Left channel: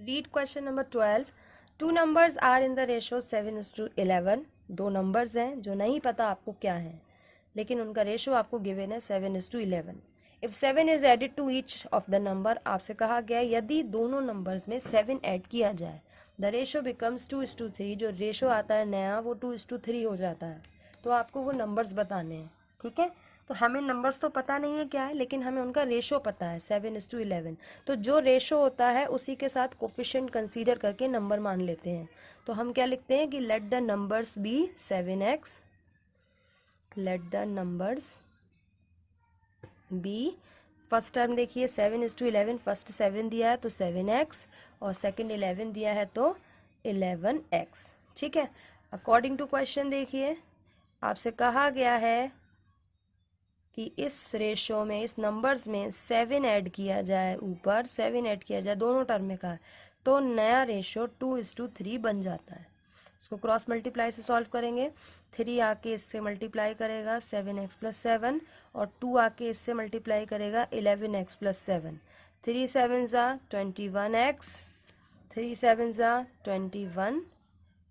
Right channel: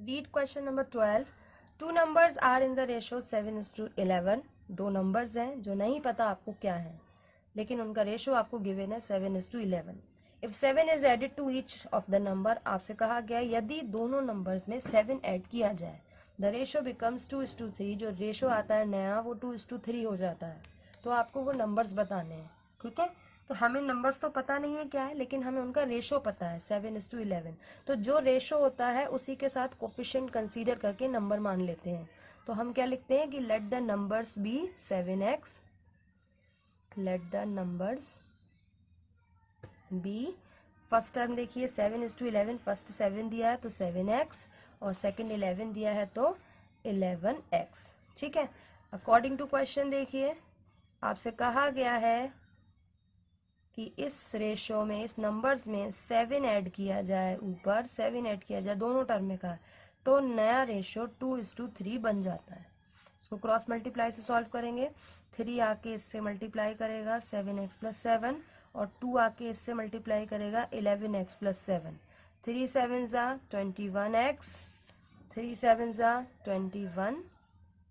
Read question number 12. Two numbers are in the ratio 7:11. दो numbers हैं जो नहीं पता आपको क्या है, लेकिन उनका रेशो आपको गिवन है 7:11. If 7 is added to each of the number, आपसे कहा गया है यदि दोनों नंबर्स में 7 ऐड किया जाए द रेशो बिकम्स 2:3. जो रेशो आता है नया वो 2:3 हो जाता है. तो आपको वो नंबर्स बताने हैं. ठीक है, तो हमें नंबर्स तो पता नहीं है क्या है, लेकिन हमें उनका रेशो पता है 7:11. तो जो रेशो होता है उसी के साथ कोफिशिएंट कंसीडर करके नंबर मान लेते हैं. तो हम क्या लिखते हैं कि let the numbers be 7x. Let the numbers be, first term देखिए 7:11, फर्स्ट 7 दिया है तो 7x और सेकंड 11 दिया है तो 11x. ठीक है, अकॉर्डिंग टू क्वेश्चन देखिए आपसे कहा गया है कि इस रेशो में, इस नंबर्स में 7 ऐड किया जाए, ऊपर 7 ऐड किया जाए, दोनों टर्म में कहा तो नया रेशो 2:3 बन जाता है. इसको क्रॉस मल्टीप्लाई से सॉल्व करेंगे. 3 आके इससे मल्टीप्लाई करेगा 7x + 7 और 2 आके इससे मल्टीप्लाई करेगा 11x + 7. 3 7s are 21x, 3 7s are 21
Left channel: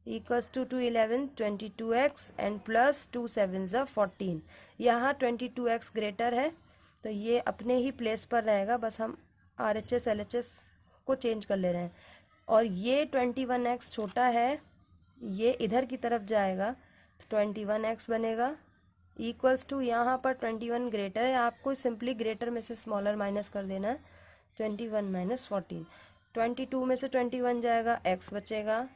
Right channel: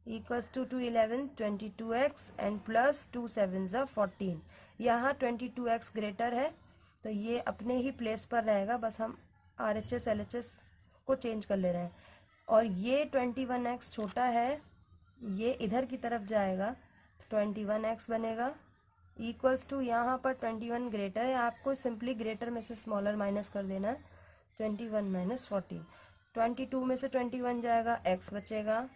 equals to 2 11 22x and plus 2 7s are 14. यहाँ 22x ग्रेटर है तो ये अपने ही प्लेस पर रहेगा, बस हम RHS LHS को चेंज कर ले रहे हैं. और ये 21x छोटा है, ये इधर की तरफ जाएगा तो 21x बनेगा इक्वल्स टू, यहाँ पर 21 ग्रेटर है, आपको सिंपली ग्रेटर में से स्मॉलर माइनस कर देना है. 21 - 14, 22 में से 21 जाएगा, x बचेगा,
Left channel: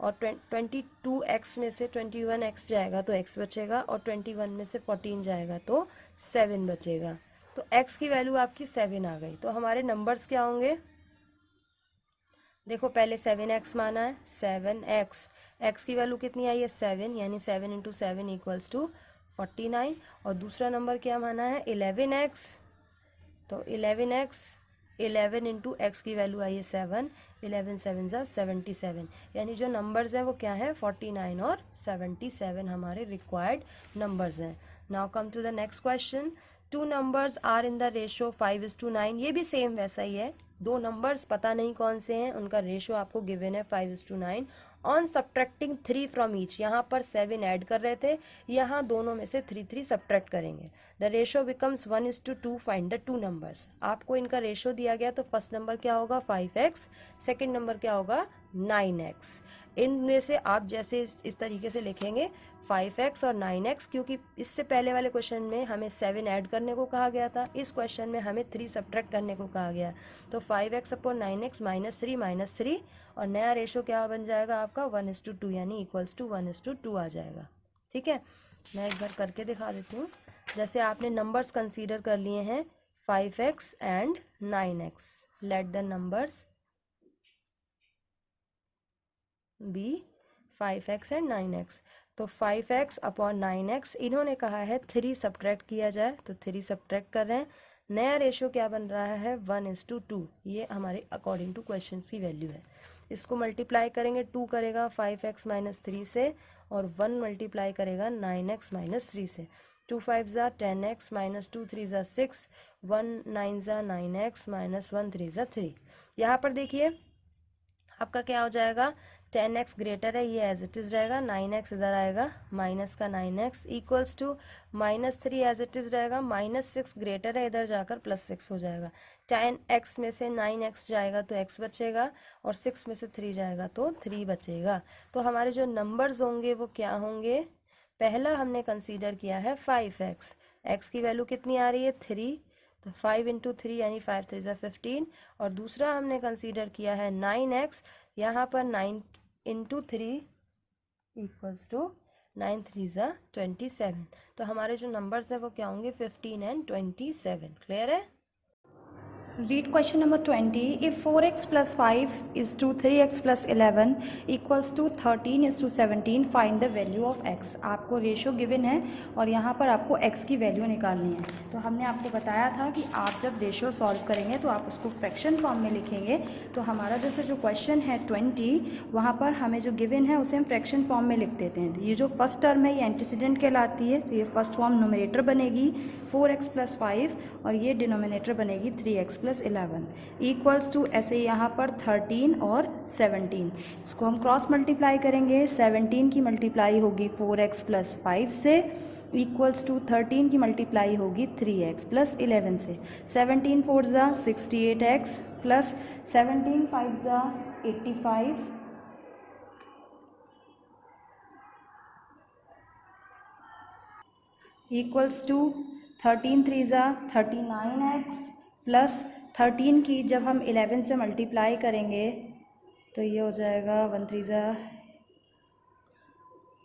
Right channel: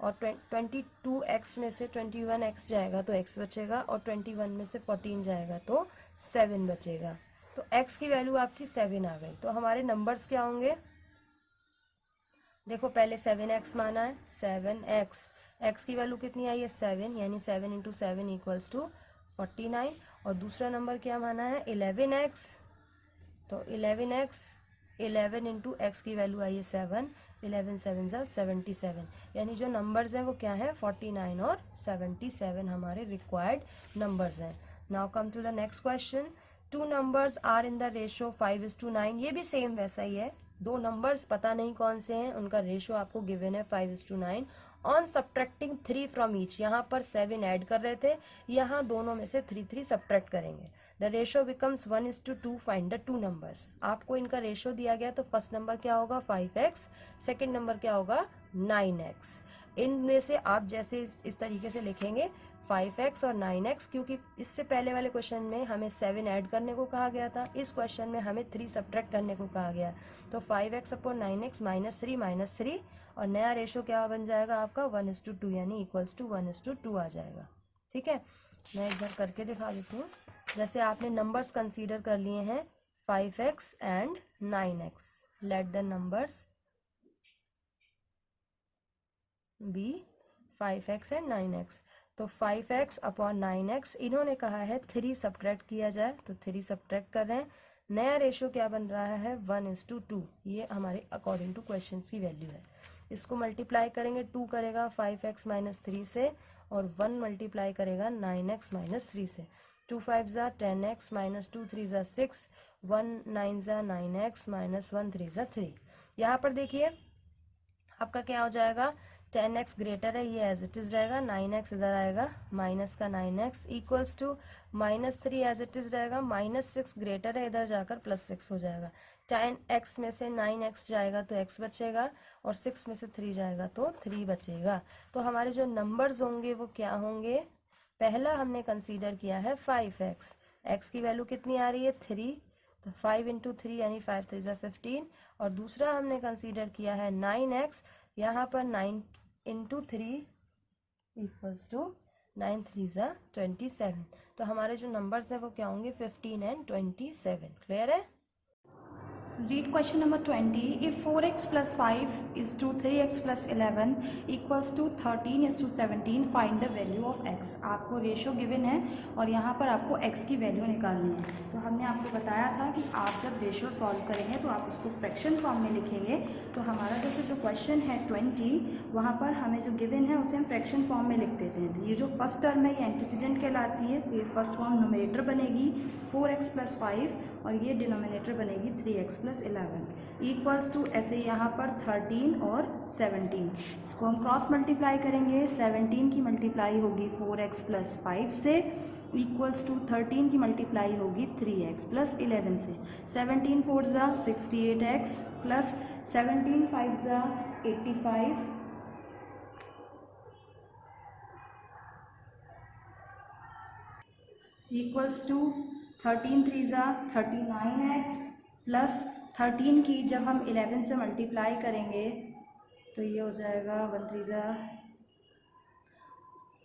और 22x में से 21x जाएगा तो x बचेगा, और 21 में से 14 जाएगा तो 7 बचेगा. तो x की वैल्यू आपकी 7 आ गई. तो हमारे नंबर्स क्या होंगे, देखो पहले 7x माना है, 7x, x की वैल्यू कितनी आई है 7, यानी 7 × 7 = 49. और दूसरा नंबर क्या माना है 11x, तो 11x, 11 × x की वैल्यू आई है 7, 11 7s are 77. यानी जो नंबर्स हैं वो क्या है 49 और 77 हमारे रिक्वायर्ड नंबर्स हैं. Now come to the next question. Two numbers are in the ratio 5:9. ये भी सेम वैसा ही है, दो नंबर्स पता नहीं कौन से हैं, उनका रेशो आपको गिवन है 5:9. ऑन सब्ट्रैक्टिंग 3 फ्रॉम ईच, यहाँ पर 7 ऐड कर रहे थे, यहाँ दोनों में से 3 सब्ट्रैक्ट करेंगे. The ratio becomes 1:2. Find the two numbers. आपको इनका रेशो दिया गया तो फर्स्ट नंबर क्या होगा 5x, सेकेंड नंबर क्या होगा 9x. इनमें से आप जैसे इस तरीके से लिखेंगे 5x और 9x, क्योंकि इससे पहले वाले क्वेश्चन में हमें 7 ऐड करने को कहा गया था, इस क्वेश्चन में हमें 3 सब्ट्रैक्ट करने को कहा गया. तो 5x / 9x -3 और नया रेशो क्या बन जाएगा आपका 1:2, यानी इक्वल्स टू 1:2 आ जाएगा. ठीक है, मैं एक बार करके दिखा देती हूँ. जैसे आपने नंबर्स कंसीडर कर लिए हैं 5x and 9x. Let the numbers be 5x and 9x. तो 5x / 9x, इन्होंने कहा है 3 सब्ट्रैक्ट किया जाए तो 3 सब्ट्रैक्ट कर रहे हैं. नया रेशो क्या बन रहा है 1:2. ये हमारे अकॉर्डिंग टू क्वेश्चन की वैल्यू है. इसको मल्टीप्लाई करेंगे, 2 करेगा 5x - 3 से और 1 मल्टीप्लाई करेगा 9x - 3 से. 2 5s are 10x -2 3s are 6, 1 9s are 9x -1 3s are 3. यहाँ पर देखिए आपका क्या हो जाएगा 10x ग्रेटर है, ये एज इट इज रहेगा, 9x इधर आएगा, माइनस का 9x equals to -3 as it is रहेगा, -6 ग्रेटर है, इधर जाकर +6 हो जाएगा. 10x में से 9x जाएगा तो x बचेगा, और 6 में से 3 जाएगा तो 3 बचेगा. तो हमारे जो नंबर्स होंगे वो क्या होंगे, पहला हमने कंसीडर किया है 5x, x की वैल्यू कितनी आ रही है 3, तो 5 × 3 यानी 5 3s are 15. और दूसरा हमने कंसीडर किया है 9x, यहाँ पर 9 × 3 इक्वल्स टू 9 3s are 27. तो हमारे जो नंबर्स हैं वो क्या होंगे 15 and 27. क्लियर है. Read question number 20. If 4x + 5 is to 3x + 11 equals to 13 is to 17, find the value of x. आपको रेशो गिवन है और यहाँ पर आपको x की वैल्यू निकालनी है. तो हमने आपको बताया था कि आप जब रेशो सॉल्व करेंगे तो आप उसको फ्रैक्शन फॉर्म में लिखेंगे. तो हमारा जैसे जो क्वेश्चन है 20, वहाँ पर हमें जो गिवन है उसे हम फ्रैक्शन फॉर्म में लिख देते हैं. तो ये जो फर्स्ट टर्म है ये एंटीसीडेंट कहलाती है, तो ये फर्स्ट फॉर्म नोमिनेटर बनेगी 4x + 5 और ये डिनोमिनेटर बनेगी 3x प्लस 11 इक्वल्स टू ऐसे यहाँ पर 13 और 17। इसको हम क्रॉस मल्टीप्लाई करेंगे। 17 की मल्टीप्लाई होगी 4x प्लस 5 से इक्वल्स टू 13 की मल्टीप्लाई होगी 3x प्लस 11 से। 17 4 ज़ा 68x प्लस 17 5 ज़ा 85 इक्वल्स टू 13 3 ज़ा 39x प्लस 13 की जब हम 11 से मल्टीप्लाई करेंगे तो ये हो जाएगा 1 3 ज़ा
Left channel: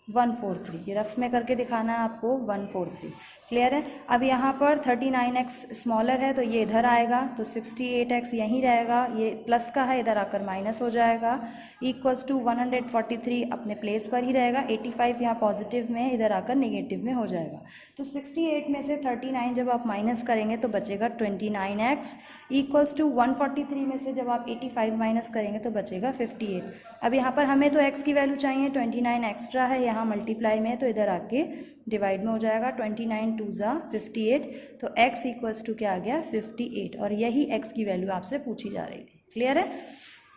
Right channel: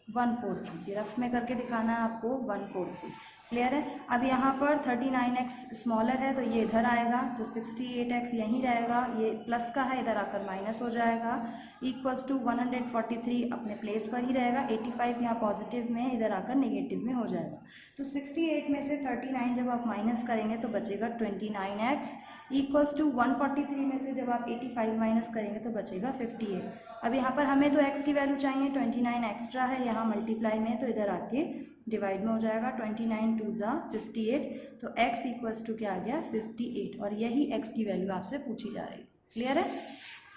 143। ये रफ में करके दिखाना है आपको 143। क्लियर है। अब यहाँ पर 39x स्मॉलर है तो ये इधर आएगा, तो 68x यहीं रहेगा, ये प्लस का है इधर आकर माइनस हो जाएगा, इक्वल्स टू 143 अपने प्लेस पर ही रहेगा। 85 यहाँ पॉजिटिव में इधर आकर नेगेटिव में हो जाएगा। तो 68 में से 39 जब आप माइनस करेंगे तो बचेगा 29x इक्वल्स टू 143 में से जब आप 85 माइनस करेंगे तो बचेगा 58। अब यहाँ पर हमें तो x की वैल्यू चाहिए, 29 एक्स्ट्रा है यहाँ मल्टीप्लाई में, तो इधर आके डिवाइड में हो जाएगा। 29 2 ज़ा 58, तो x इक्वल्स टू क्या आ गया 58, और यही x की वैल्यू आपसे पूछी जा रही थी। क्लियर है।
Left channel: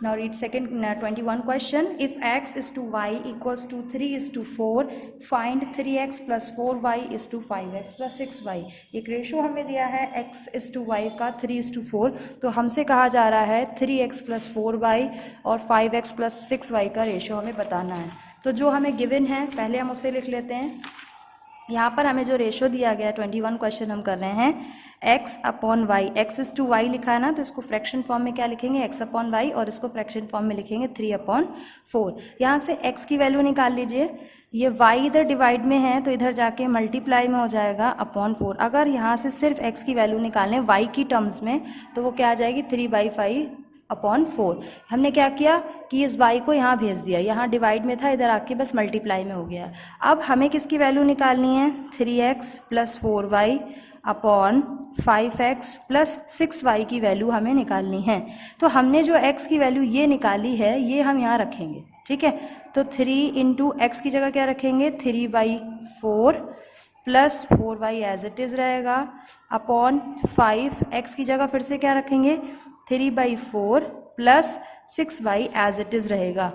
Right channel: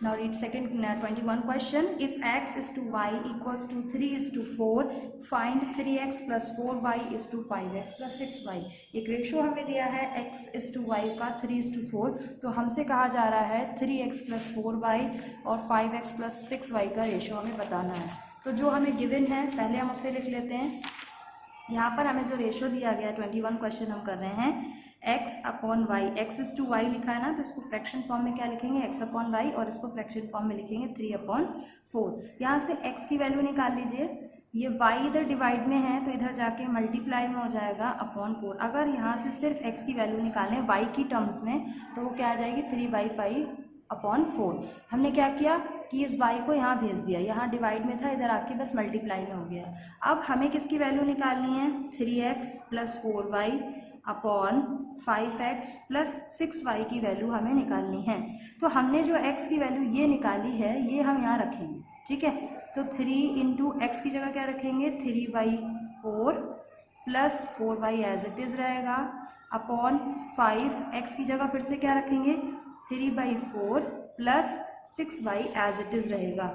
Now read second 21 question. If x is to y equals to 3 is to 4 find 3x plus 4y is to 5x plus 6y। एक रेशो हमें दिया है x इज टू y का 3 इज टू 4, तो हमसे कहा जा रहा है 3x प्लस 4y और 5x प्लस 6y का रेशो हमें बताना है। तो जो हमें गिवन है पहले हम उसे लिख लेते हैं। यहाँ पर हमें जो रेशो दिया गया 21 क्वेश्चन हम कर रहे हैं x upon y, x is to y लिखा है ना, तो इसको फ्रैक्शन फॉर्म में क्या लिखेंगे x अपॉन वाई, और इसको फ्रैक्शन फॉर्म में लिखेंगे 3 अपॉन 4। यहाँ से x की वैल्यू निकाल लीजिए, ये y इधर डिवाइड में है तो इधर जाके मल्टीप्लाई में हो जाएगा अपॉन 4। अगर यहाँ से सिर्फ x की वैल्यू निकालें y की टर्म्स में तो वो क्या आ जाएगी 3/5 अपॉन 4। हमने क्या किया कि इस y को यहाँ भेज दिया, यहाँ डिवाइड में था इधर आके बस मल्टीप्लाई में हो गया। अब हमें किसकी वैल्यू निकालनी है 3x plus 4y upon 5x plus 6y की वैल्यू हमें निकालनी है। तो हमने जो x की वैल्यू ये निकाली है ये हम यहाँ रखेंगे, ठीक है। तो 3 इंटू एक्स की जगह क्या रखेंगे 3/4 plus 4y as it is रहेगा अपॉन 5x की जगह फिर से क्या रखेंगे 3/4 plus 6y as it is रहेगा।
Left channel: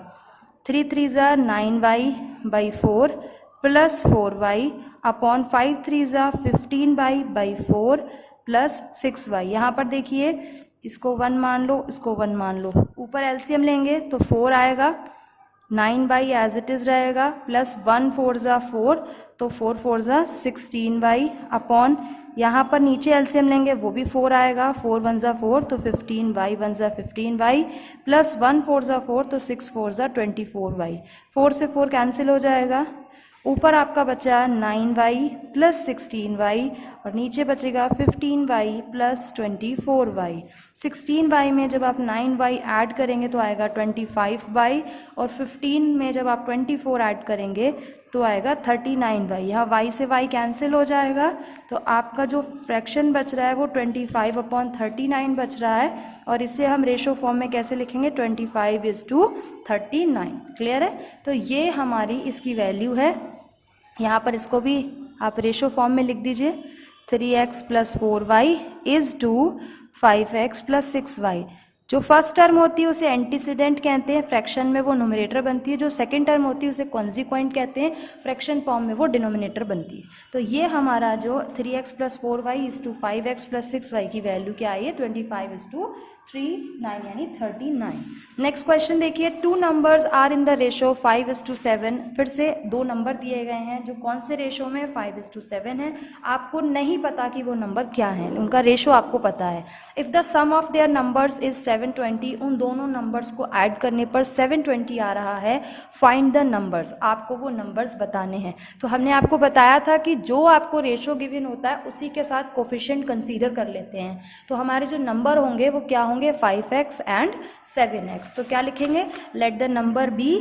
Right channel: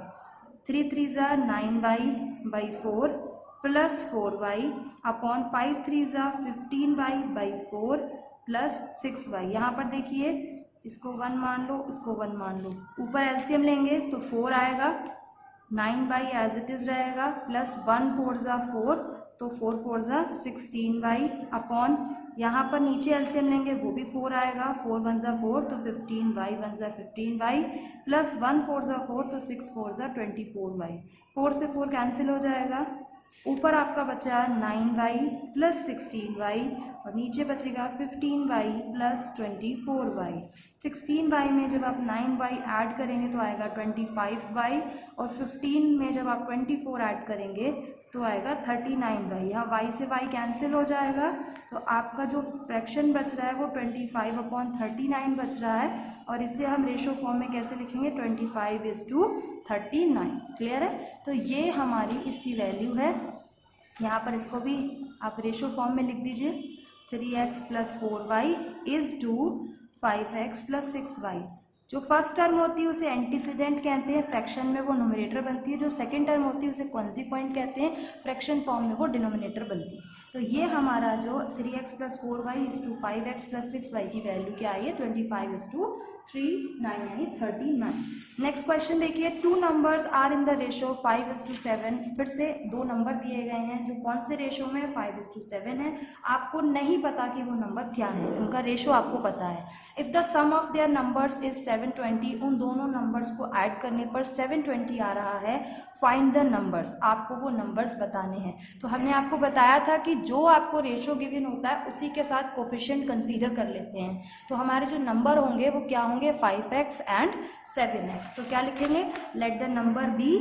3 3 ज़ा 9y/4 प्लस 4y अपॉन 5 3 ज़ा 15y/4 प्लस 6y। यहाँ पर देखिए इसको 1 मान लो, इसको 1 मान लो, ऊपर एलसीएम लेंगे तो 4 आएगा, 9y एज इट इज़ रहेगा, प्लस 1 4 ज़ा 4, तो 4 4 ज़ा 16y अपॉन यहाँ पर नीचे एलसीएम लेंगे वो भी 4 आएगा, 4 1 ज़ा 4, तो 15y 1 ज़ा 15y प्लस 1 4 ज़ा 4, तो 6 4 ज़ा 24y। 4 से 4 कैंसिल हो जाएगा, ऊपर आपका बचा 9y प्लस 16y और नीचे बचेगा 15y प्लस 24y। 16y में जब आप 9y ऐड करेंगे तो आएगा 25y, और 15 में जब आप 24 ऐड करेंगे तो आएगा 39y। यहाँ y से y कैंसिल हो जाएगा, तो आपका जो फ्रैक्शन बच रहा है वो 25 अपॉन 39 बच रहा है, और इसे हम रेशो फॉर्म में कैसे लिखेंगे 25:39। क्लियर है। तो ये हमारी इसकी वैल्यू है। यहाँ पर इसको भी आप रेशो फॉर्म में लिख दीजिए, 3x plus 4y is to 5x plus 6y। जो फर्स्ट टर्म होती है उसे एंटीसीडेंट कहते हैं, फ्रैक्शन में वो न्यूमरेटर बनती है। जो सेकंड टर्म होती है उसे कॉन्सिक्वेंट कहते हैं, फ्रैक्शन फॉर्म में वो डिनोमिनेटर बनती है। तो ये हमारा जो 3x plus 4y is to 5x plus 6y की वैल्यू क्या आई है 25:39 यानी 39। नेक्स्ट क्वेश्चन देखिए, 2 numbers are in the ratio 5:7। फिर से 2 नंबर दिए गए हैं जो कौन से रेशो में 5:7 है। आपको नहीं पता कि वो नंबर क्या है, उनका रेशो आपको पता है। If the sum of their numbers is 720, उन दोनों नंबर्स को ऐड करने पर 720 आ रहा है। फाइंड द नंबर्स, आपको वो नंबर्स बताने हैं। तो हमने आपको बताया था कि जो आपको रेशो गिवन होता है उसी के साथ कोफिशिएंट कंसीडर कर लेते हैं। तो हमारे जो नंबर होंगे वो क्या होंगे 5x एंड 7x। तो क्या लिखेंगे, let the number be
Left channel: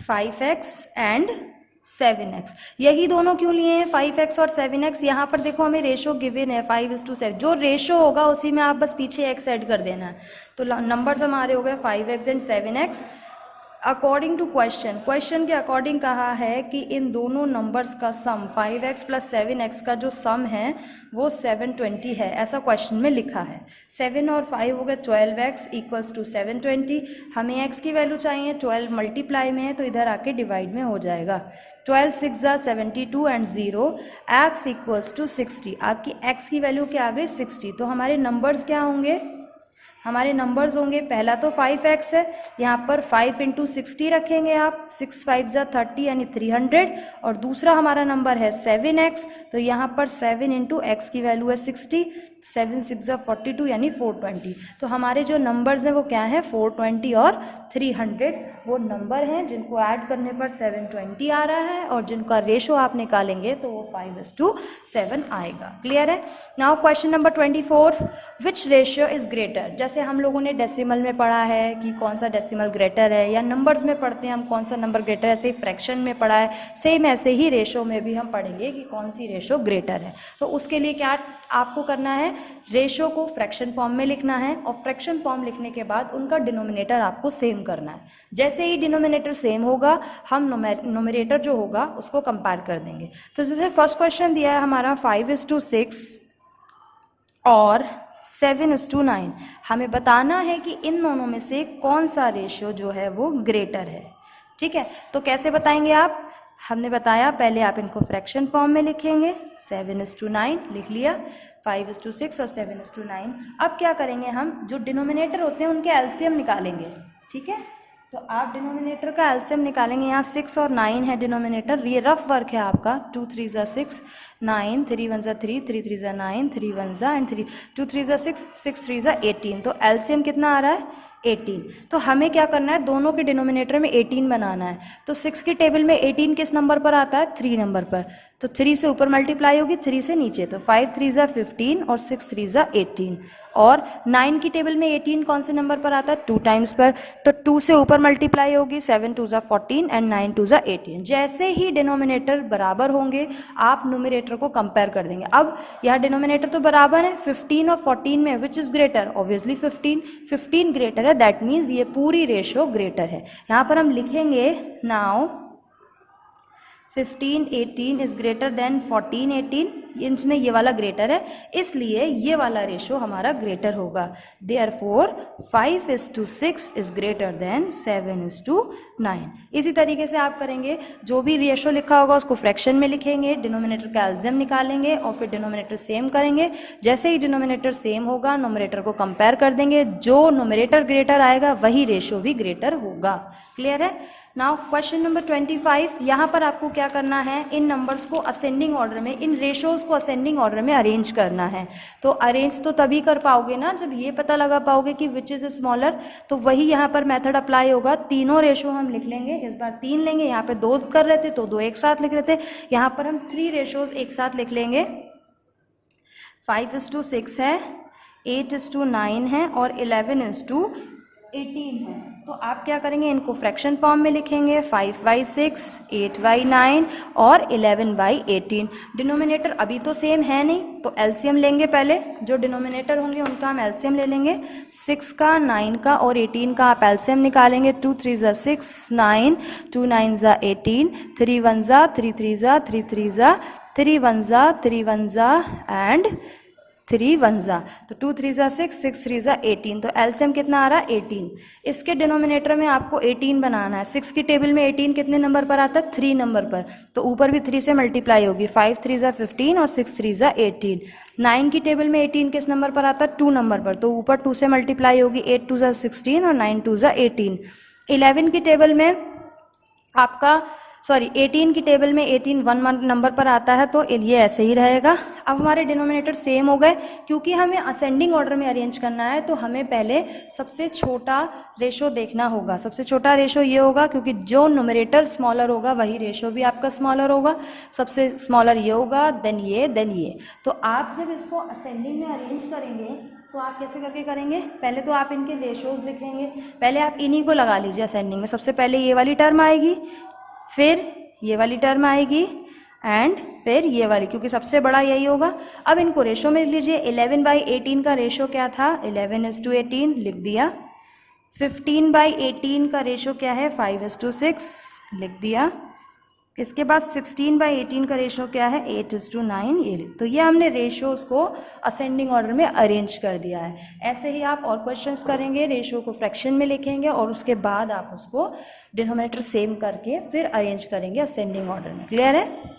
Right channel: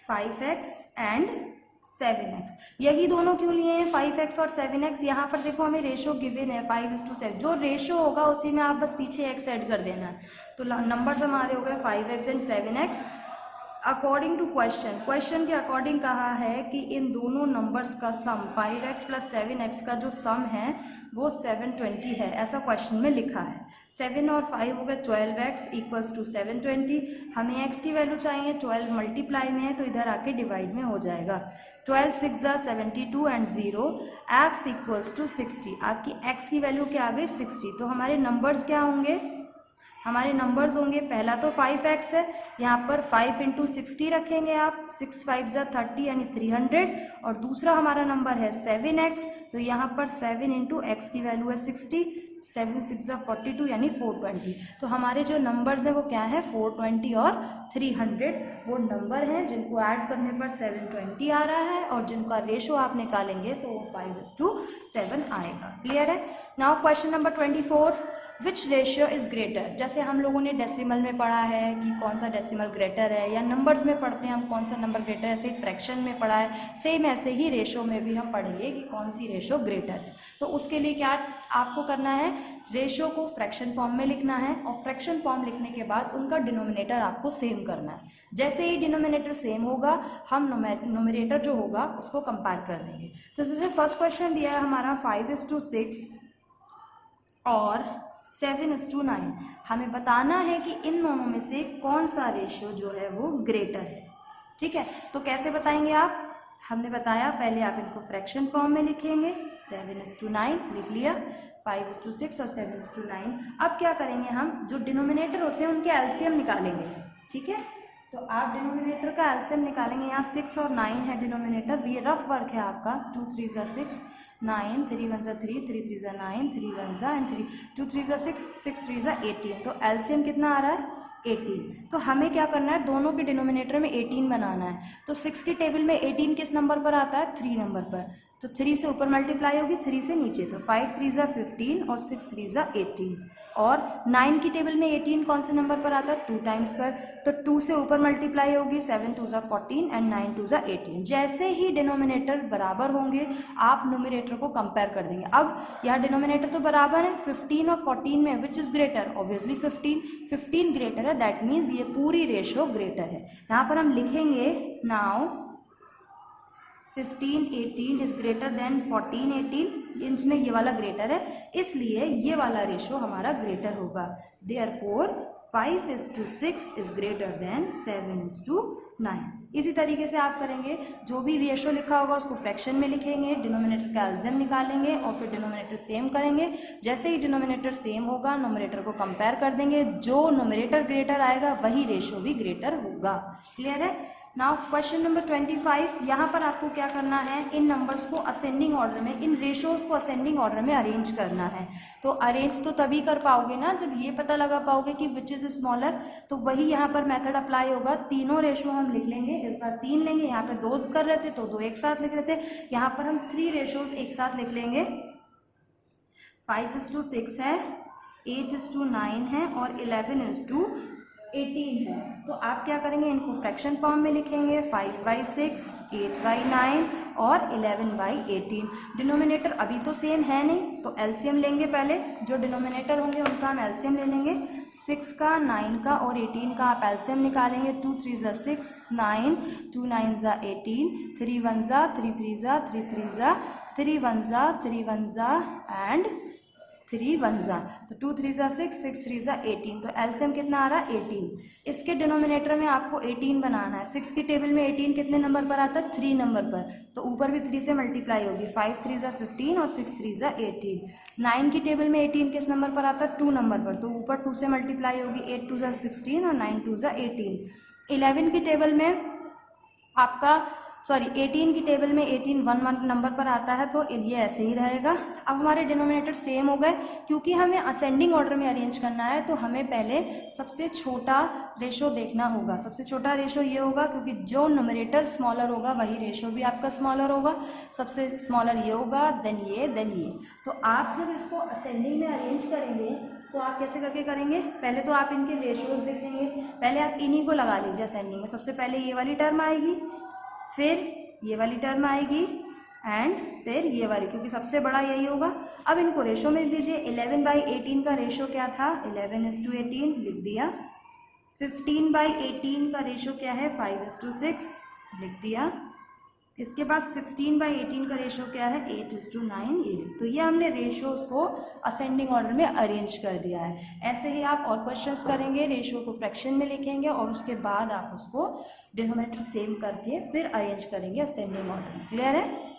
5x and 7x। यही दोनों क्यों लिए हैं 5x और 7x। यहाँ पर देखो हमें रेशो गिवन है 5:7, जो रेशो होगा उसी में आप बस पीछे x ऐड कर देना है। तो नंबर्स हमारे हो गए 5x and 7x। According to question के अकॉर्डिंग कहा है कि इन दोनों नंबर्स का सम 5x प्लस 7x का जो सम है वो 720 है, ऐसा क्वेश्चन में लिखा है। 7 और 5 हो गए 12x इक्वल्स टू 720। हमें x की वैल्यू चाहिए, 12 मल्टीप्लाई में है तो इधर आके डिवाइड में हो जाएगा। 12 6 72 एंड 0 x इक्वल्स टू 60। आपकी x की वैल्यू क्या आ गई 60। तो हमारे नंबर्स क्या होंगे, हमारे नंबर्स होंगे, पहला तो 5x है, यहाँ पर 5 इंटू 60 रखेंगे आप, 6 5 30 यानी 300, और दूसरा हमारा नंबर है 7x, तो यहाँ पर 7 इंटू एक्स की वैल्यू है 60, 7 6 42 यानी 420। तो हमारे जो नंबर्स हैं वो क्या है 420 और 300 वो नंबर हैं जिनको ऐड करने पर 720 आ रहा है, और जिनका रेशो आप निकालेंगे तो वो 5:7 आएगा। क्लियर है। Now question number 24, which ratio is greater. जैसे हम लोगों ने डेसिमल में पढ़ा है कि कौन सा डेसिमल ग्रेटर है, या नंबर्स में पढ़ते हैं हम कौन सा नंबर ग्रेटर है, ऐसे ही फ्रैक्शन में पढ़ा है, सेम ऐसे ही रेशो में भी हम पढ़ेंगे कि कौन सी रेशो ग्रेटर है। तो उसके लिए क्या आपको करना है, रेशो को फ्रैक्शन फॉर्म में लिखना है, और फ्रैक्शन फॉर्म लिखने के बाद उनका डिनोमिनेटर आपको सेम करना है। जैसे ही डिनोमिनेटर सेम होगा हम नोमिनेटर जो होगा उसको कंपेयर कर देंगे। तो जैसे फर्स्ट क्वेश्चन दिया है हमारा 5:6 और 7:9। हमें बताना है कि इन दोनों में से कौन सा रेशियो जो है वो ग्रेटर है। ठीक है, तो कैसे बताएंगे आप, हमने बताया पहले आप इनको फ्रैक्शन फॉर्म में लिखेंगे, 7:9 लिख लिया, 5:6 और 7:9। अब क्या करेंगे, हम जो डिनोमिनेटर होते हैं उनके एलसीएम निकालेंगे। ठीक है, तो आप डिनोमिनेटर का एलसीएम निकालेंगे। यहाँ 6 और 9 है डिनोमिनेटर, ये रफ वर्क है आपका। 2 3 6 9, 3 1 3, 3 3 9, 3 1 एंड 3, 2 3 6, 6 3 18। तो एलसीएम कितना आ रहा है 18। तो हमें क्या करना है, दोनों के डिनोमिनेटर में 18 बनाना है। तो 6 की टेबल में 18 किस नंबर पर आता है, 3 नंबर पर। तो 3 से ऊपर मल्टीप्लाई होगी, 3 से नीचे, तो 5 3 15 और 6 3 18। और 9 की टेबल में 18 कौन से नंबर पर आता है, 2 टाइम्स पर, तो 2 से ऊपर मल्टीप्लाई होगी, 7 2 14 एंड 9 2 18। जैसे ही डिनोमिनेटर बराबर होंगे आप न्यूमरेटर को कंपेयर कर देंगे। अब यहाँ डिनोमिनेटर तो बराबर है, 15 और 14 में which is greater, obviously 15 greater है, दैट मीन्स ये पूरी रेशो ग्रेटर है। यहाँ पर हम लिखेंगे नाउ 15 18 इज ग्रेटर देन 14 18, इसमें ये वाला ग्रेटर है, इसलिए ये वाला रेशो हमारा ग्रेटर होगा। Therefore 5:6 is greater than 7:9। इसी तरीके से आप करेंगे, जो भी रेशो लिखा होगा उसको फ्रैक्शन में लिखेंगे, डिनोमिनेटर का एलसीएम निकालेंगे और फिर डिनोमिनेटर सेम करेंगे। जैसे ही डिनोमिनेटर सेम होगा नोमिनेटर को कंपेयर कर देंगे, जो नोमिनेटर ग्रेटर आएगा वही रेशो भी ग्रेटर होगा। क्लियर है। नाउ क्वेश्चन नंबर 25, यहाँ पर आपको क्या करना है, इन नंबर्स को असेंडिंग ऑर्डर में, इन रेशोज को असेंडिंग ऑर्डर में अरेंज करना है। तो अरेंज तो तभी कर पाओगे ना जब ये पता लगा पाओगे कि विच इज स्मॉलर, तो वही यहाँ पर मेथड अप्लाई होगा। तीनों रेशो हम लिख लेंगे, इस बार 3 लेंगे, यहाँ पे 2 कर रहे थे तो 2 एक साथ लिख रहे थे, यहाँ पर हम 3 रेशोज एक साथ लिख लेंगे। 5:6 है, 8:9 है और 11:18 है। तो आप क्या करेंगे, इनको फ्रैक्शन फॉर्म में लिखेंगे, 5/6, 8/9 और 11/18। डिनोमिनेटर अभी तो सेम है नहीं, तो एलसीएम लेंगे पहले, जो डिनोमिनेटर होंगे उनका हम एलसीएम ले लेंगे। 6 का, 9 का और 18 का आप एलसीएम निकालेंगे। 2 3 6 9, 2 9 18, 3 1 3 3 3 3 3 1 3 1 एंड 3 1 तो 2 3 6, 6 3 18। तो एलसीएम कितना आ रहा है 18। इसके डिनोमिनेटर में आपको 18 बनाना है। 6 की टेबल में 18 कितने नंबर पर आता है, 3 नंबर पर, तो ऊपर भी 3 से मल्टीप्लाई होगी, 5 3 15 और 6 3 18। 9 की टेबल में 18 किस नंबर पर आता है, 2 नंबर पर, तो ऊपर 2 से मल्टीप्लाई होगी, 8 2 16 और 9 2 18। 11 की टेबल में आपका 18 की टेबल में 18 1 नंबर पर आता है, तो ये ऐसे ही रहेगा। अब हमारे डिनोमिनेटर सेम हो गए। क्योंकि हमें असेंडिंग ऑर्डर में अरेंज करना है तो हमें पहले सबसे छोटा रेशो देखना होगा। सबसे छोटा रेशो ये होगा, क्योंकि जो न्यूमरेटर स्मॉलर होगा वही रेशो भी आपका स्मॉलर होगा। सबसे स्मॉलर ये होगा, देन ये। तो आप जब इसको असेंडिंग में अरेंज करेंगे तो आप कैसे करके करेंगे, पहले तो आप इनके रेशोज लिखेंगे। पहले आप इन्हीं को लगा लीजिए असेंडिंग में। सबसे पहले ये वाली टर्म आएगी, फिर ये वाली टर्म आएगी एंड फिर ये वाली, क्योंकि सबसे बड़ा यही होगा। अब इनको रेशो में लिख लीजिए। 11/18 का रेशो क्या था, 11:18 लिख दिया। 15/18 का रेशो क्या है 5:6 लिख दिया। इसके बाद 16/18 का रेशो क्या है 8:9 ये। तो ये हमने रेशोज को असेंडिंग ऑर्डर में अरेंज कर दिया है। ऐसे ही आप और क्वेश्चंस करेंगे, रेशो को फ्रैक्शन में लिखेंगे और उसके बाद आप उसको डिनोमिनेटर सेम करके फिर अरेंज करेंगे असेंडिंग ऑर्डर में। क्लियर है?